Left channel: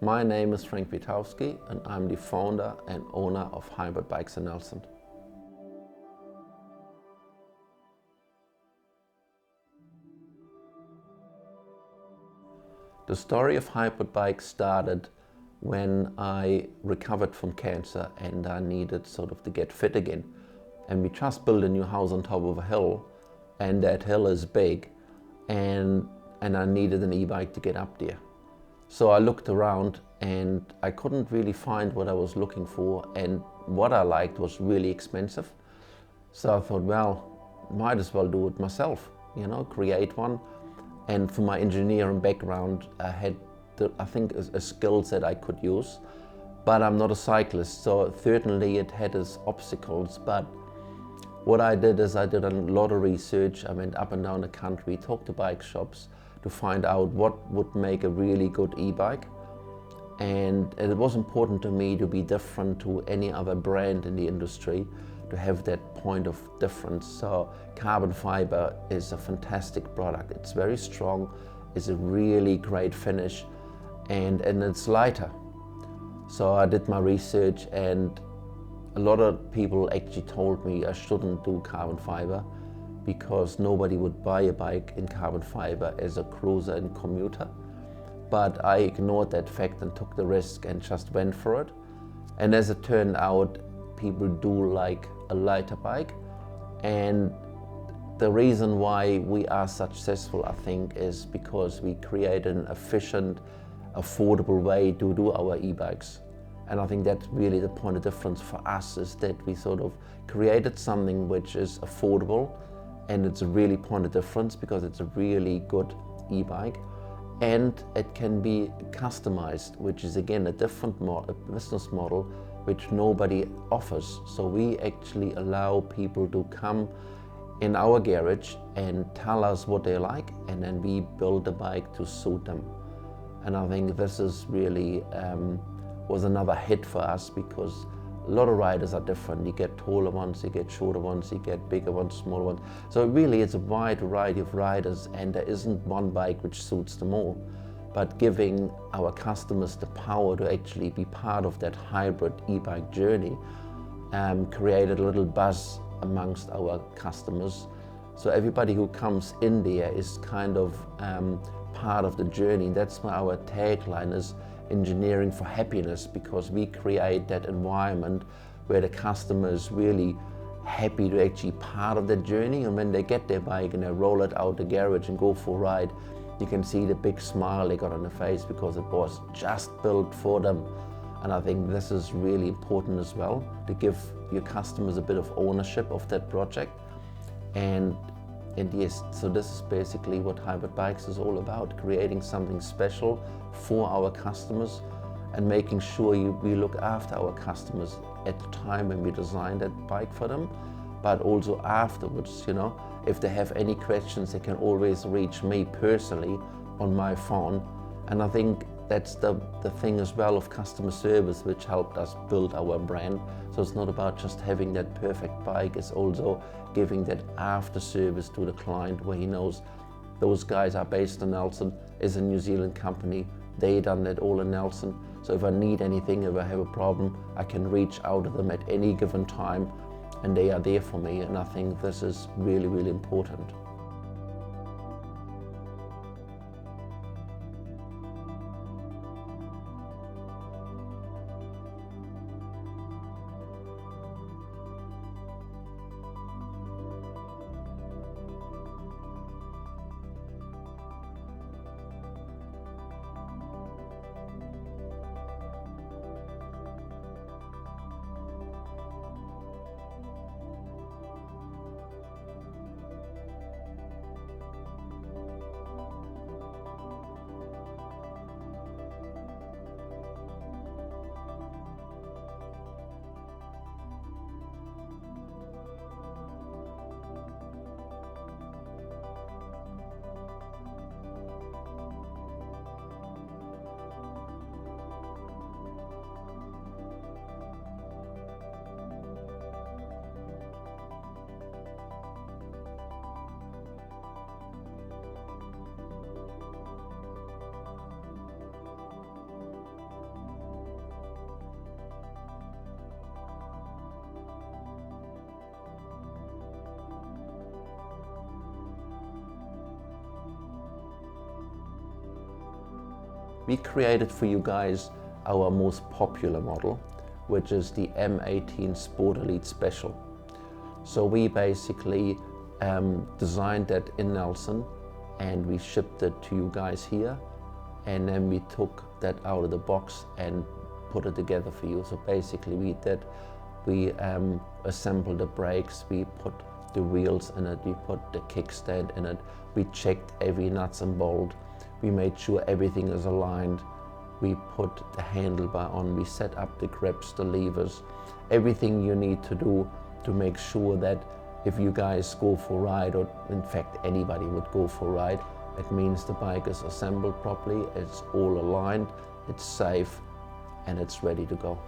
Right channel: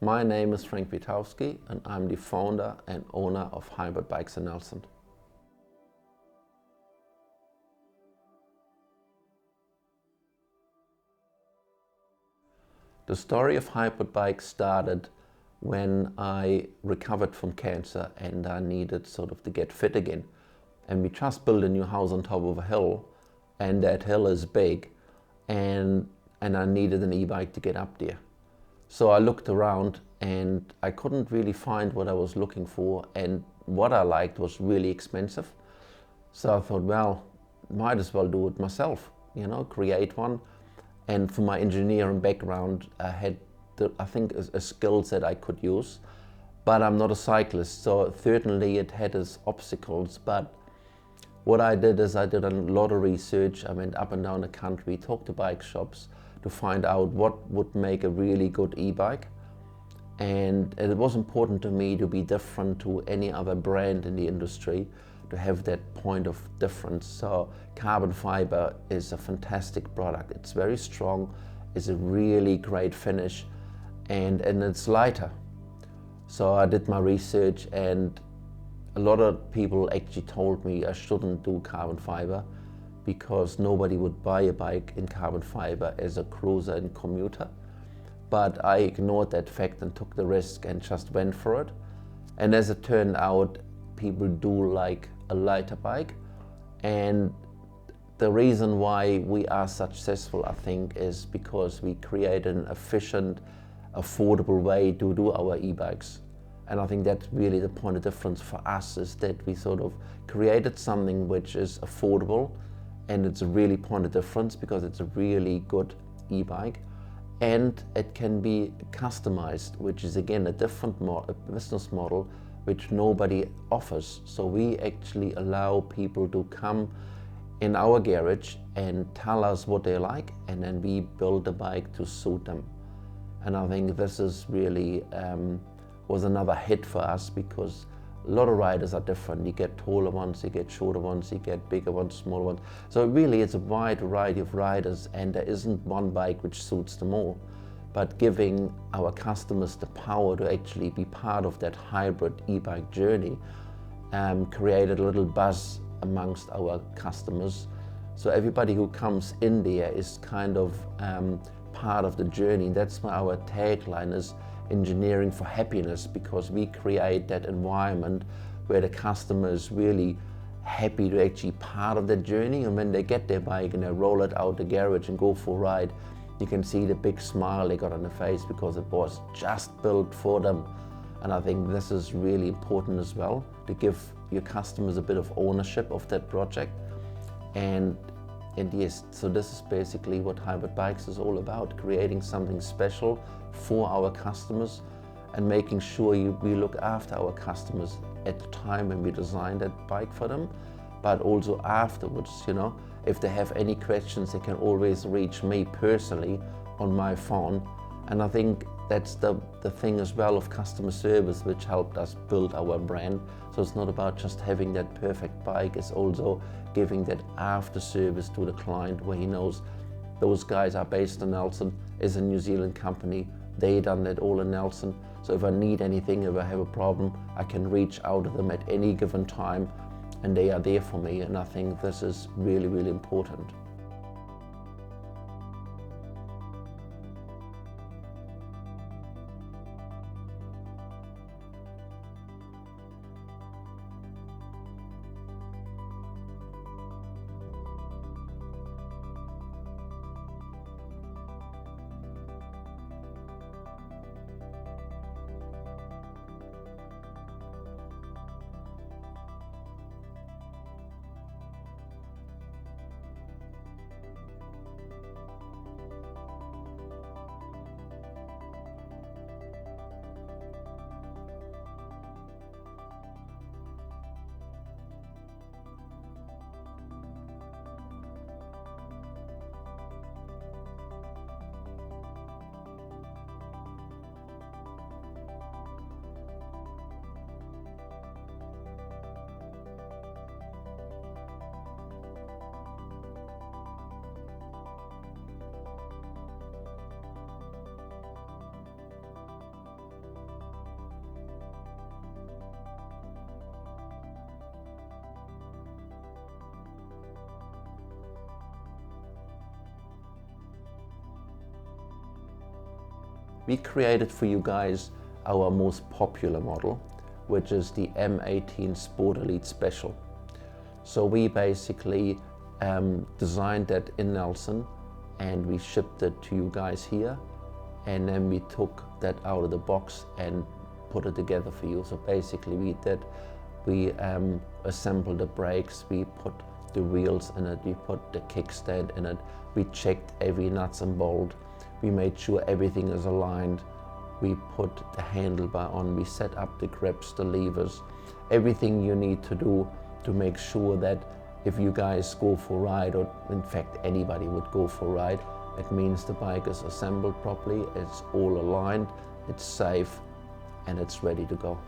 My name is Witowski and I'm the founder and owner of Hybrid Bikes in Nelson. The story of Hybrid Bikes started when I recovered from cancer and I needed to get fit again. And we just built a new house on top of a hill, and that hill is big, and I needed an e-bike to get up there. So I looked around and I couldn't really find what I was looking for, and what I liked was really expensive. So I thought, well, might as well do it myself, create one. And for my engineering background, I had, I think, a skill set I could use. But I'm not a cyclist, so certainly it had its obstacles. But what I did is I did a lot of research. I went up and down the country, talked to bike shops to find out what would make a really good e-bike. And it was important to me to be different to any other brand in the industry, to have that point of difference. So carbon fiber is a fantastic product. It's very strong, it's a really great finish, and it's lighter. So I did my research, and a lot of people actually told me I shouldn't do carbon fiber because nobody would buy a bike in carbon fiber as a cruiser and commuter. But I ignored that fact and took the risk and just went for it. And as it turned out, people do like a lighter bike. And the reason why we are successful, I think, is because we create an efficient, affordable way to do our e-bikes. And I think that's really the point of difference for us, is that we created something which is affordable, and it's a really point of difference because it's a really good e-bike. And it can be customized, which is again a different business model which nobody offers. So we actually allow people to come in our garage and tell us what they like, and then we build a bike to suit them. And I think this is really was another hit for us, because a lot of riders are different. You get taller ones, you get shorter ones, you get bigger ones, smaller ones. So really it's a wide variety of riders, and there isn't one bike which suits them all. But giving our customers the power to actually be part of that hybrid e-bike journey created a little buzz amongst our customers. So everybody who comes in there is kind of part of the journey. That's why our tagline is engineering for happiness, because we create that environment where the customer is really happy to actually be part of that journey. And when they get their bike and they roll it out the garage and go for a ride, you can see the big smile they got on their face because it was just built for them. And I think this is really important as well, to give your customers a bit of ownership of that project. And yes, so this is basically what Hybrid Bikes is all about, creating something special for our customers and making sure we look after our customers at the time when we design that bike for them, but also afterwards. If they have any questions, they can always reach me personally on my phone. And I think that's the thing as well of customer service, which helped us build our brand. So it's not about just having that perfect bike, it's also giving that after service to the client, where he knows those guys are based in Nelson, is a New Zealand company, they done that all in Nelson. So if I need anything, if I have a problem, I can reach out to them at any given time, and they are there for me. And I think this is really, really important. we created for you guys our most popular model, which is the M18 Sport Elite Special. So we basically designed that in Nelson, and we shipped it to you guys here, and then we took that out of the box and put it together for you. So basically we assembled the brakes, we put the wheels in it, we put the kickstand in it, we checked every nuts and bolt, we made sure everything is aligned, we put the handlebar on, we set up the grips, the levers, everything you need to do to make sure that if you guys go for a ride, or in fact anybody would go for a ride, it means the bike is assembled properly, it's all aligned, it's safe, and it's ready to go.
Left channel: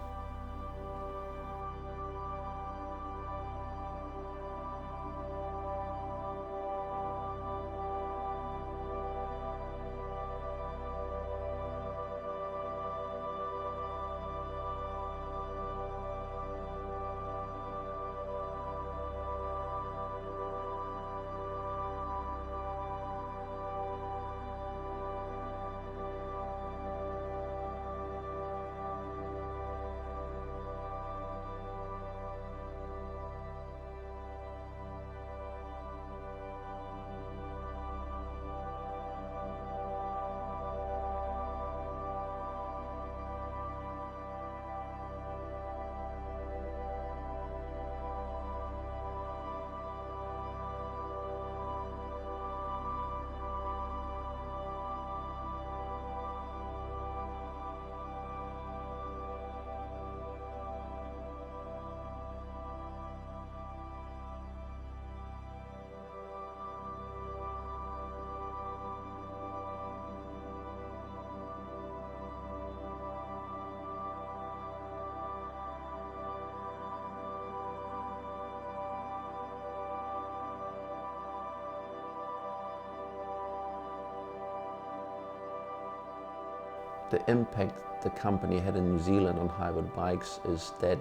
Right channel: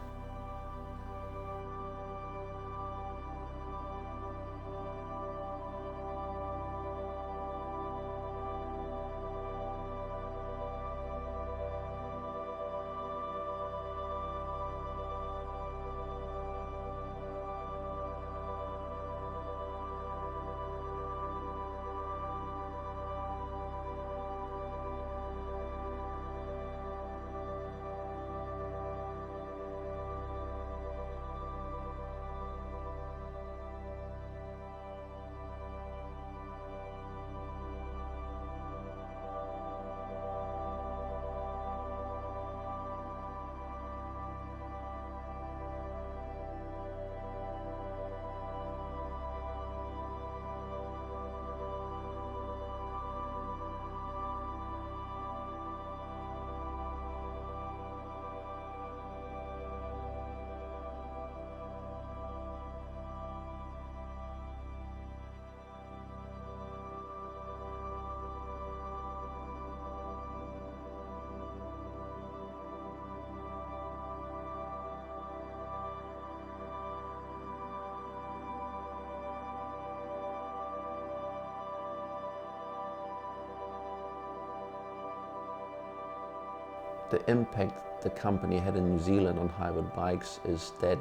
The impact the company had in New Zealand on hybrid bikes is that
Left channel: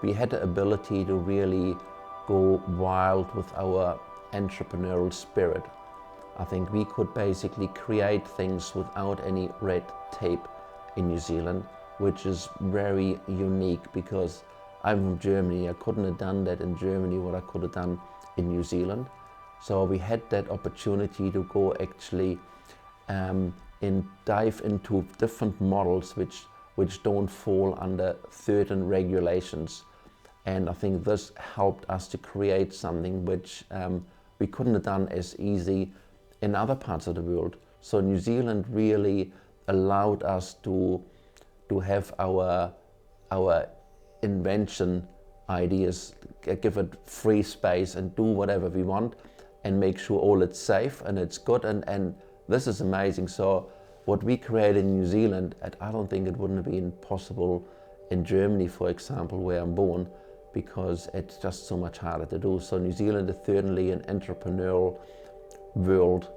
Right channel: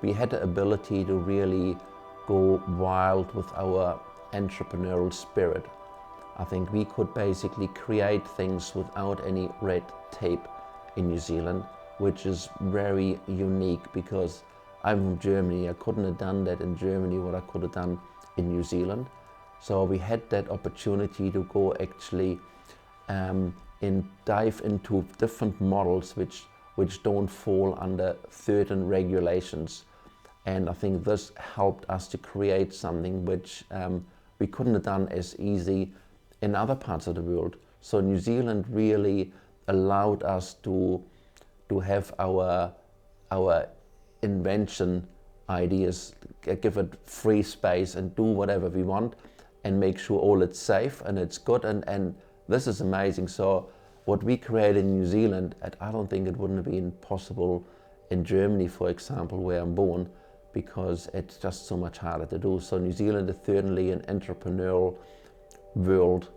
we had the ability to really go wild with our entrepreneurial spirit. I think we could basically create things without any red tape in New Zealand, which is very unique because I'm from Germany. I couldn't have done that in Germany what I could have done in New Zealand. So we had that opportunity to go actually dive into different models which don't fall under certain regulations. And I think this helped us to create something which we couldn't have done as easy in other parts of the world. So New Zealand really allowed us to have our invention ideas, give it free space and do whatever we want and make sure all it's safe and it's good, and this is amazing. So what we created in New Zealand, I don't think it wouldn't have been possible in Germany, for example, where I'm born, because it's just so much harder to do. So New Zealand is certainly an entrepreneurial world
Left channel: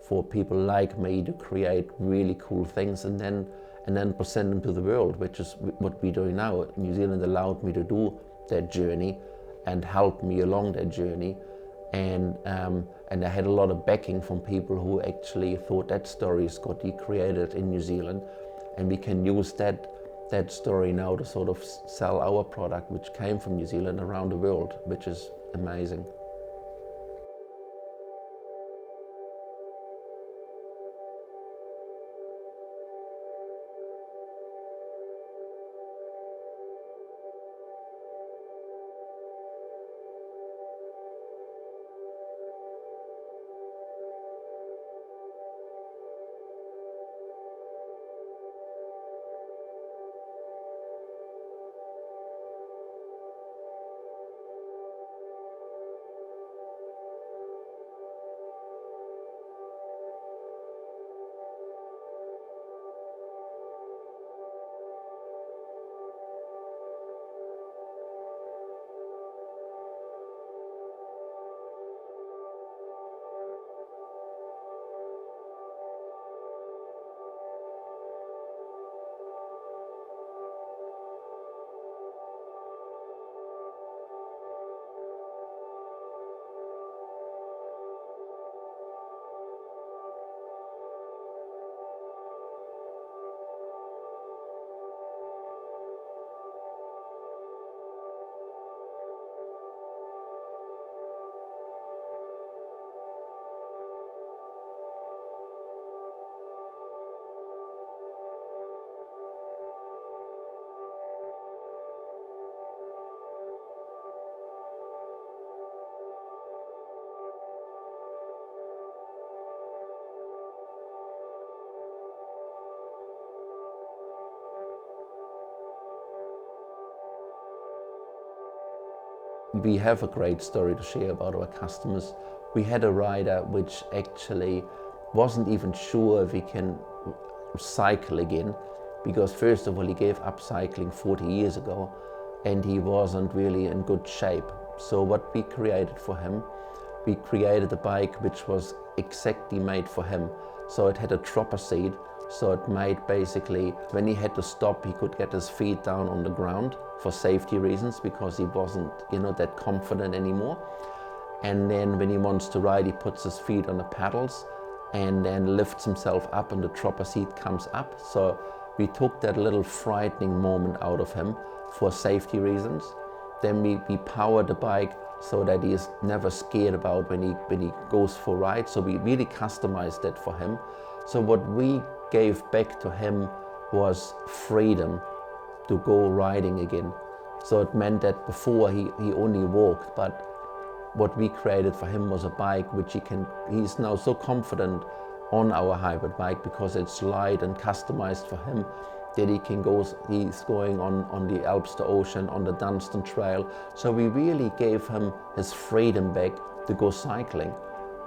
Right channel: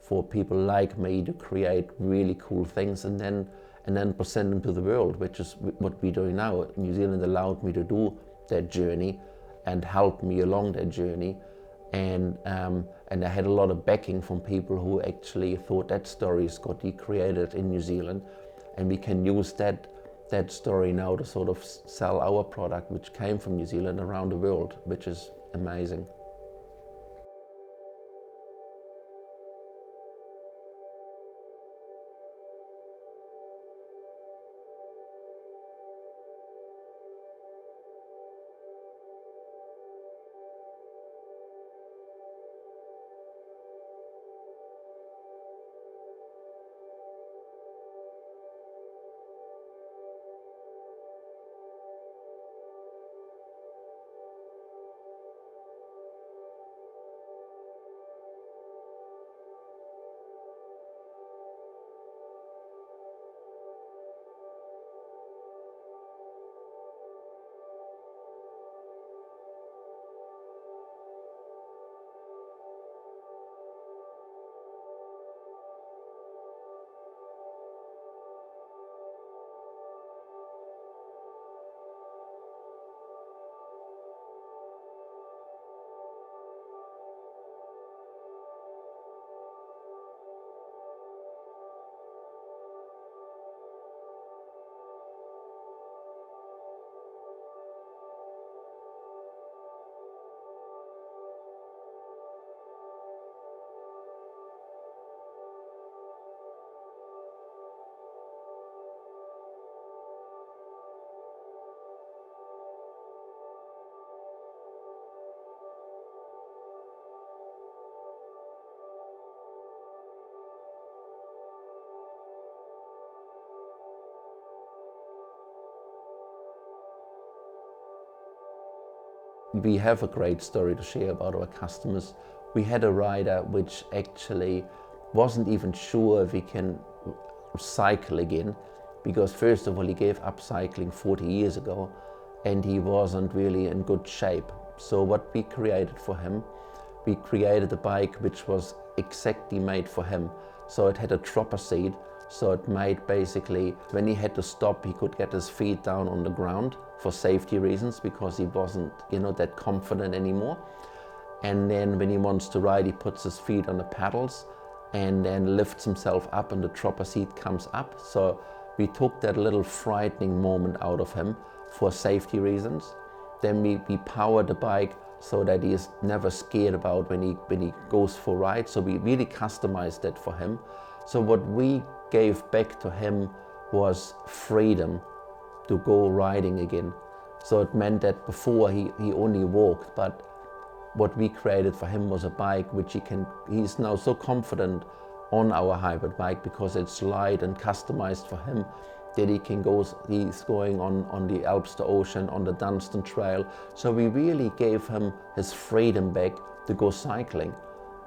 for people like me to create really cool things and then present them to the world, which is what we're doing now. New Zealand allowed me to do that journey and helped me along that journey. And I had a lot of backing from people who actually thought that story is good. He created in New Zealand, and we can use that story now to sort of sell our product, which came from New Zealand, around the world, which is amazing. we have a great story to share about our customers. We had a rider which actually wasn't even sure if he can cycle again, because first of all he gave up cycling 40 years ago and he wasn't really in good shape. So what we created for him, we created a bike which was exactly made for him. So it had a dropper seat, so it made basically, when he had to stop, he could get his feet down on the ground for safety reasons, because he wasn't, that confident anymore. And then when he wants to ride, he puts his feet on the pedals and then lifts himself up and the dropper seat comes up. So we took that little frightening moment out of him for safety reasons. Then we powered the bike so that he is never scared about when he goes for rides. So we really customized that for him. So what we gave back to him was freedom to go riding again. So it meant that before he only walked, but what we created for him was a bike which he's now so confident on our hybrid bike, because it's light and customized for him, that he's going on the Alps to Ocean, on the Dunstan Trail. So we really gave him his freedom back to go cycling.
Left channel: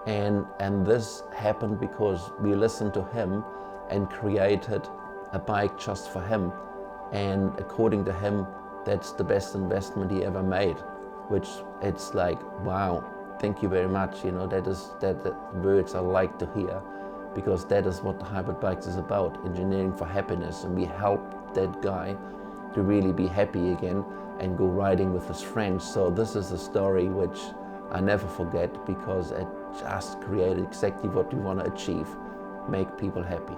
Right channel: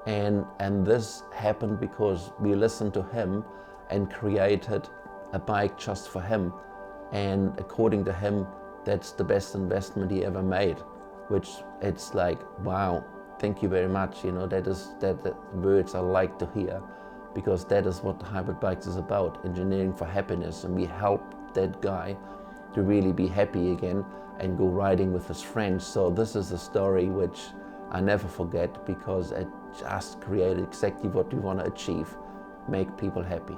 And this happened because we listened to him and created a bike just for him. And according to him, that's the best investment he ever made, which it's like, wow, thank you very much. That words I like to hear, because that is what the hybrid bikes is about, engineering for happiness. And we help that guy to really be happy again and go riding with his friends. So this is a story which I never forget, because it just created exactly what we want to achieve, make people happy.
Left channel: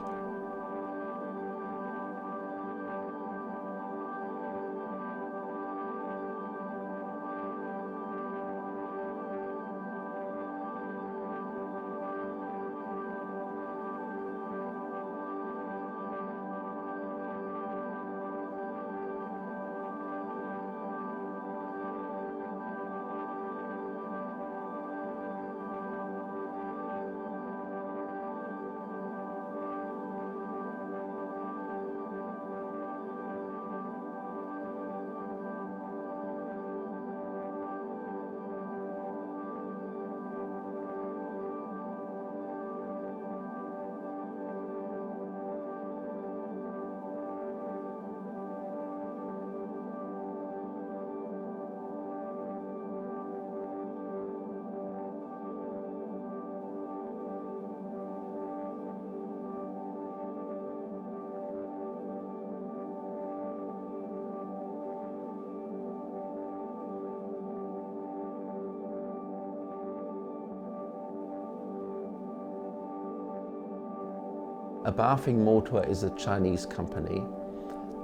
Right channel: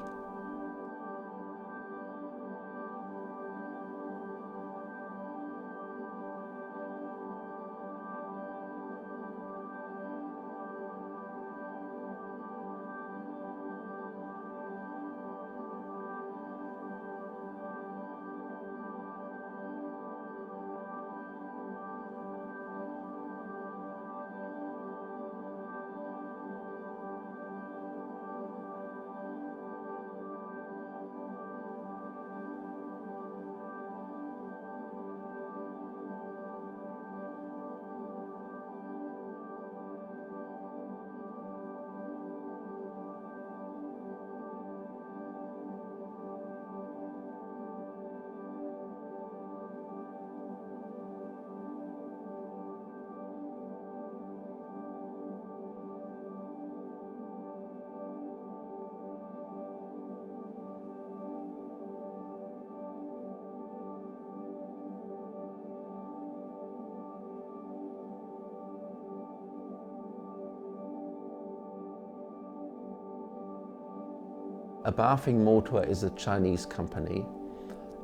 A Bafing Motor is a Chinese company,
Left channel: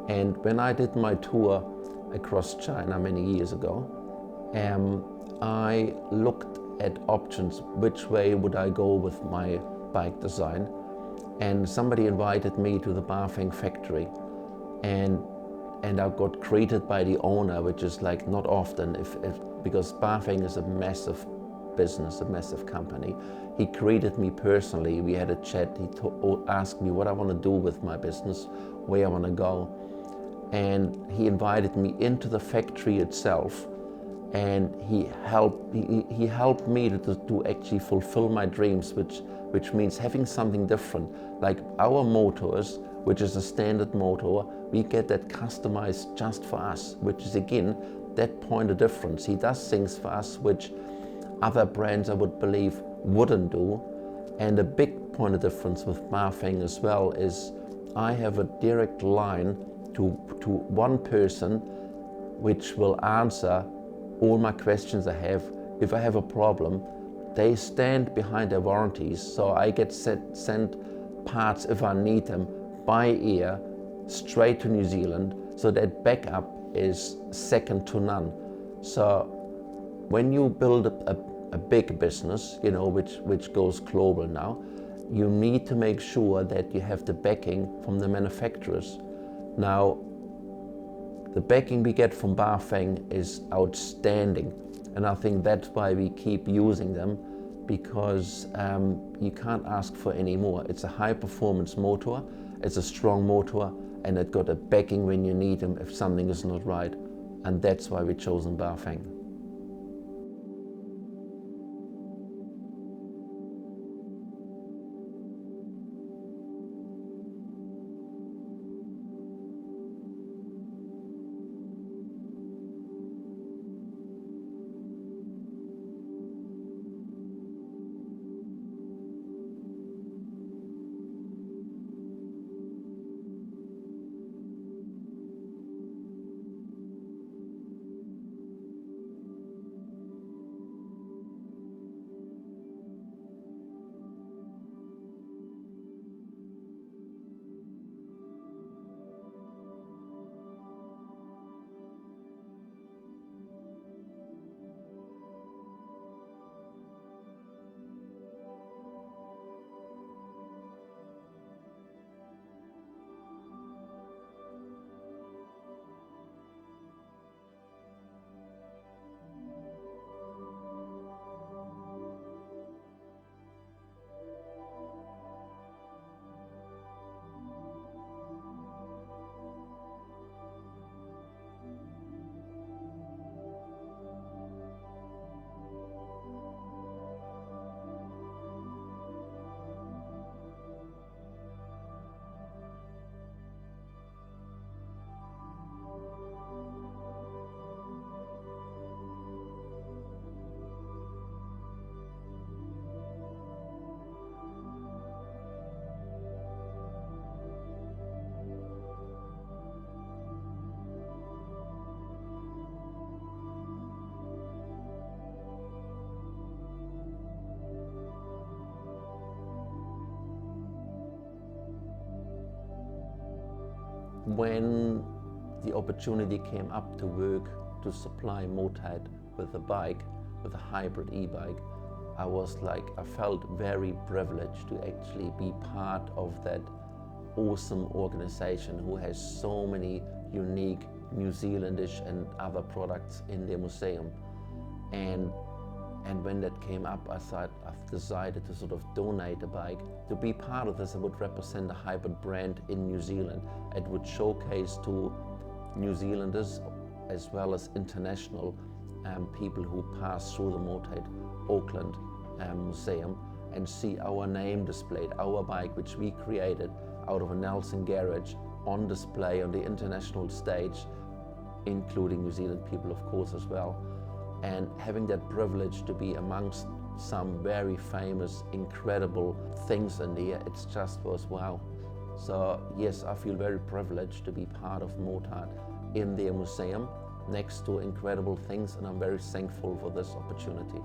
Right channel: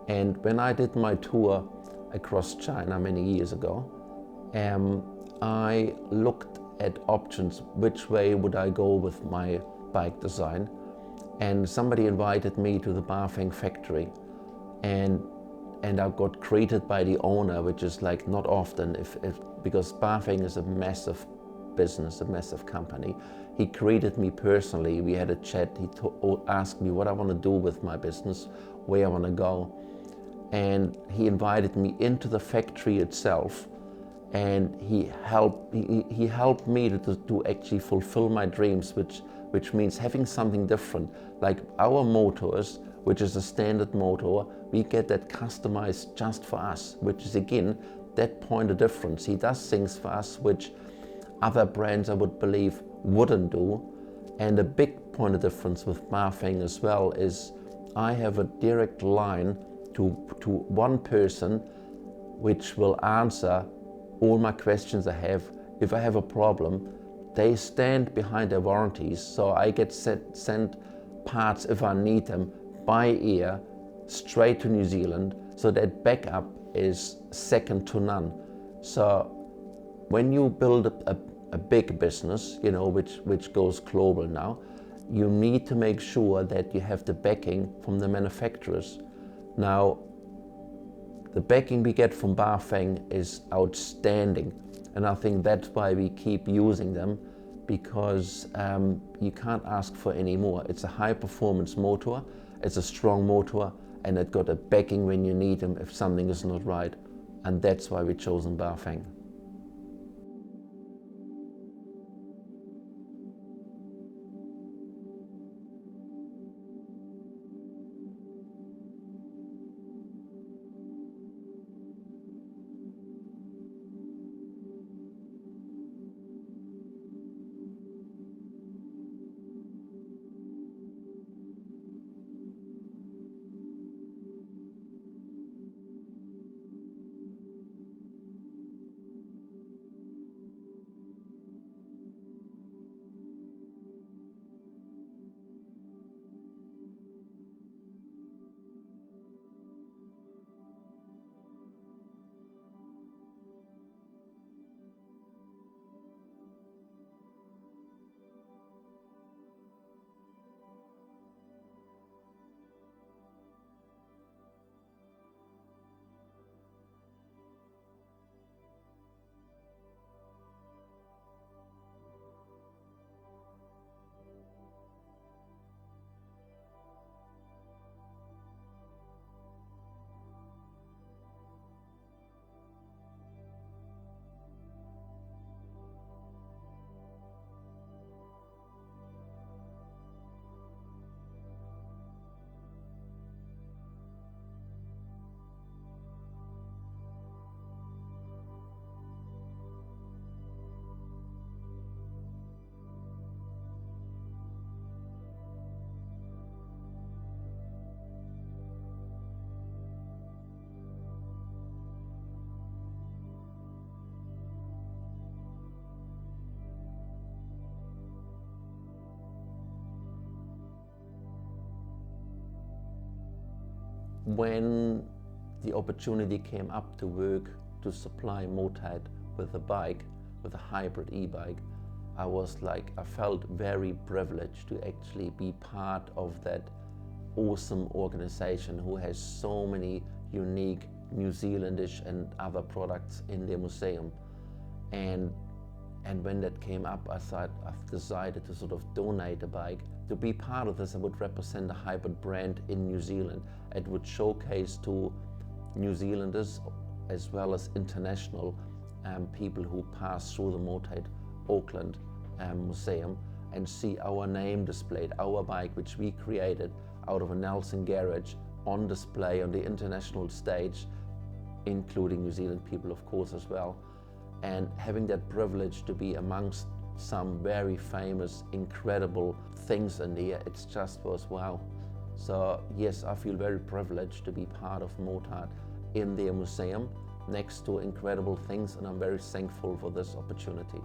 and when I did my tour across China many years ago, I looked at options, which way would I go with my bike design, and somebody invited me to the Bafing factory, and I got greeted by the owner, which is like not often, because Bafing is a massive business, a massive company. He greeted me personally, we had a chat, he asked me what I want to do with my business, where I want to go. And he invited me into the factory itself, and he helped me to actually fulfill my dreams, which means having something different. Like our motors, which is a standard motor, we get that customized just for us, which is again, that point of difference. He does things for us which other brands, I would believe, wouldn't do. And a big point of difference with Bafing as well is I have a direct line to one person which will answer all my questions I have. If I have a problem, they stand behind their warranties, so I get sent parts if I need them by air straight to New Zealand, so that backup is second to none. So when you build a big business, which goes global now, you need to make sure that you have the backing from the manufacturers. Now, the backing we get from Bafing is outstanding, and I think that's why we keep using them, because you can't ask for any more. It's a high performance motor, it's a strong motor, and it got a backing when you need them if something is not right, and that's why we've chosen Bafing. When the opportunity came up to work to supply MOTAT with a bike, with a hybrid e-bike, I felt very privileged to actually be part of that awesome organization who has so many unique New Zealandish and other products in their museum. And when that came up, I thought I've decided to sort of donate a bike. To be part of this, I would represent a hybrid brand in New Zealand. It would showcase to New Zealanders as well as international people who pass through the MOTAT Auckland Museum and see our name displayed, our bike which we created out of a Nelson garage on display on the international stage, including New Zealand people of course as well. And having that privilege to be amongst some very famous, incredible things in there, it's just was wow. So yes, I feel very privileged to be part of MOTAT in their museum next to incredible things, and I'm very thankful for this opportunity.